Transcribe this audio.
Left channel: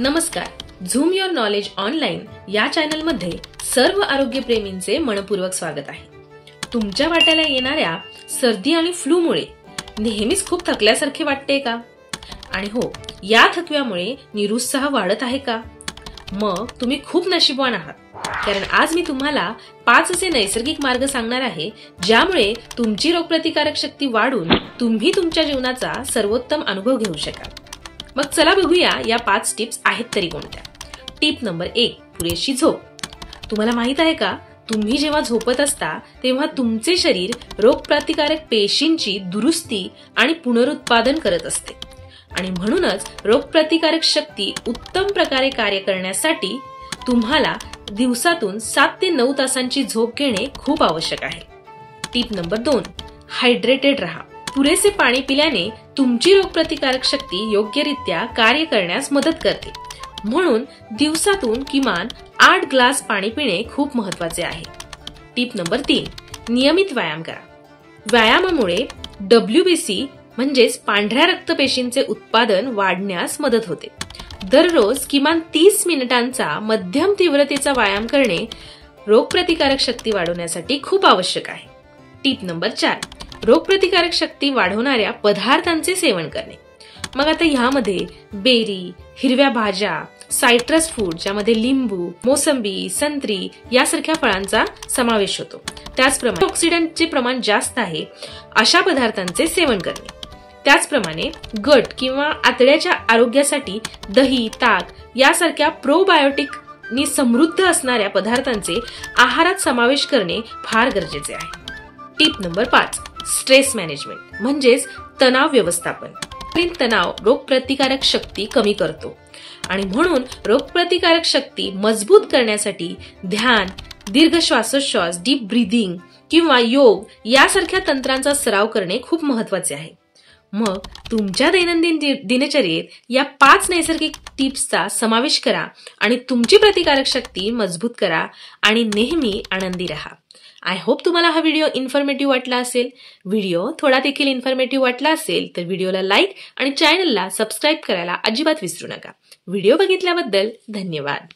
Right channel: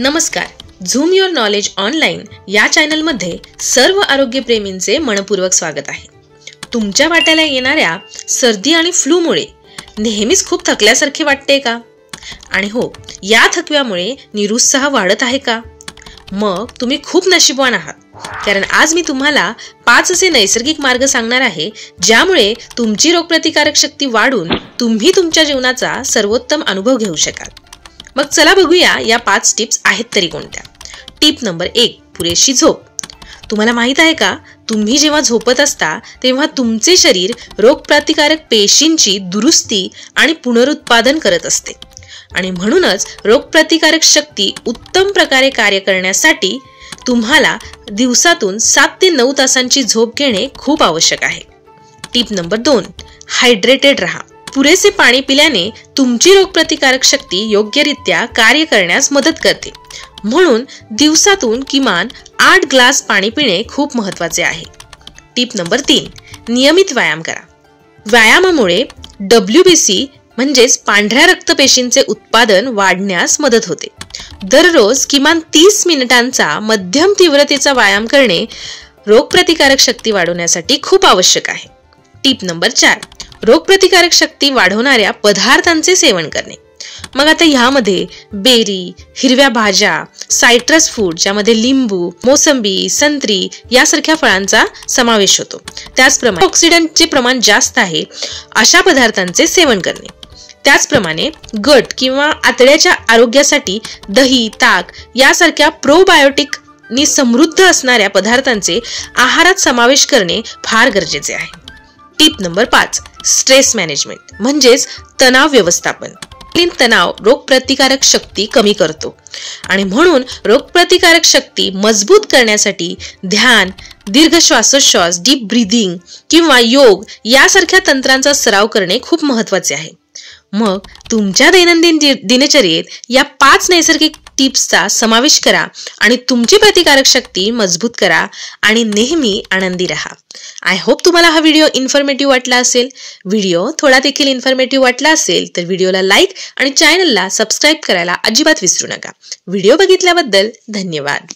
नमस्कार. Zoom your knowledge online या चॅनलमध्ये सर्व आरोग्यप्रेमींचे मनपूर्वक स्वागत आहे. तुमच्या वाट्याला येणाऱ्या सर्दी आणि फ्लूमुळे नेहमीच खूप थकल्यासारखे वाटते का? आणि हो, या थकव्यामुळे निरुत्साह वाढत आहे का? मग तुम्ही खूप नशीबवान आहात, कारण आज मी तुम्हाला 5 असे नैसर्गिक मार्ग सांगणार आहे ज्यामुळे तुमची रोगप्रतिकारक शक्ती वाढून तुम्ही तुमच्या जीवनाचा सर्वोत्तम अनुभव घेऊ शकाल. मग चला बघूया या 5 टिप्स आहेत तरी कोणत्या. टिप नंबर 1, पुरेशी झोप. तुम्हाला माहित आहे का, तुम्ही जेव्हा झोपत असता तेव्हा तुमचे शरीर रोगप्रतिकारक पेशींची दुरुस्ती आणि पुनरुत्पादन करत असते, आणि म्हणूनच रोगप्रतिकारक शक्ती उत्तम प्रकारे कार्य करण्यासाठी तुम्हाला दिवसातून 7 ते 9 तासांची झोप घेणे खूप आवश्यक आहे. टिप नंबर 2, हायड्रेटेड राहा. पुरेसे पाणी पिल्याने तुमची रोगप्रतिकारक शक्ती योग्यरित्या कार्य करण्यास मदत करते, म्हणून दिवसातून किमान 8 ग्लास पाणी पिणे खूप महत्त्वाचे आहे. टिप नंबर 3, नियमित व्यायाम करा. व्यायामामुळे WBC म्हणजेच पांढऱ्या रक्तपेशींचे उत्पादन वाढण्यास मदत होते. दररोज किमान 30 मिनिटांचा मध्यम तीव्रतेचा व्यायाम करणे रोगप्रतिकारक शक्ती वाढवण्यासाठी खूप आवश्यक आहे. टिप नंबर 4, रोगप्रतिकारक शक्ती वाढवणाऱ्या पदार्थांचे सेवन करणे. मग आता ह्यामध्ये बेरी, हिरव्या भाज्या, सायट्रस फूड ज्यामध्ये लिंबू, मोसंबी, संत्री यासारख्या फळांचा समावेश होतो. त्याचप्रमाणे ऑक्सिडंटचे प्रमाण जास्त आहे अशा पदार्थांचे सेवन करणे. त्याचप्रमाणे गट किंवा आतड्याच्या आरोग्यासाठी दही, ताक यासारख्या प्रोबायोटिक नी समृद्ध असणाऱ्या पदार्थांचे आहारात समावेश करणे फार गरजेचे आहे. टिप नंबर 5, स्ट्रेस मॅनेजमेंट म्हणजेच तणाव व्यवस्थापन. तणाव रोगप्रतिकारक शक्ती कमी करतो, आणि म्हणून रोगप्रतिकारक शक्ती मजबूत करण्यासाठी ध्यान, दीर्घ श्वासोच्छ्वास, डीप ब्रीदिंग किंवा योग यासारख्या तंत्रांचा सराव करणे खूप महत्त्वाचे आहे. मग तुमच्या दैनंदिन दिनचर्येत या 5 नैसर्गिक टिप्सचा समावेश करा आणि तुमची प्रतिकारक शक्ती मजबूत करा आणि नेहमी आनंदी राहा. आय होप तुम्हाला हा व्हिडिओ इन्फॉर्मेटिव्ह वाटला असेल. व्हिडिओ थोडा देखील इन्फॉर्मेटिव्ह वाटला असेल तर व्हिडिओला लाईक आणि चॅनलला सबस्क्राईब करायला अजिबात विसरू नका. व्हिडिओ बघितल्याबद्दल धन्यवाद.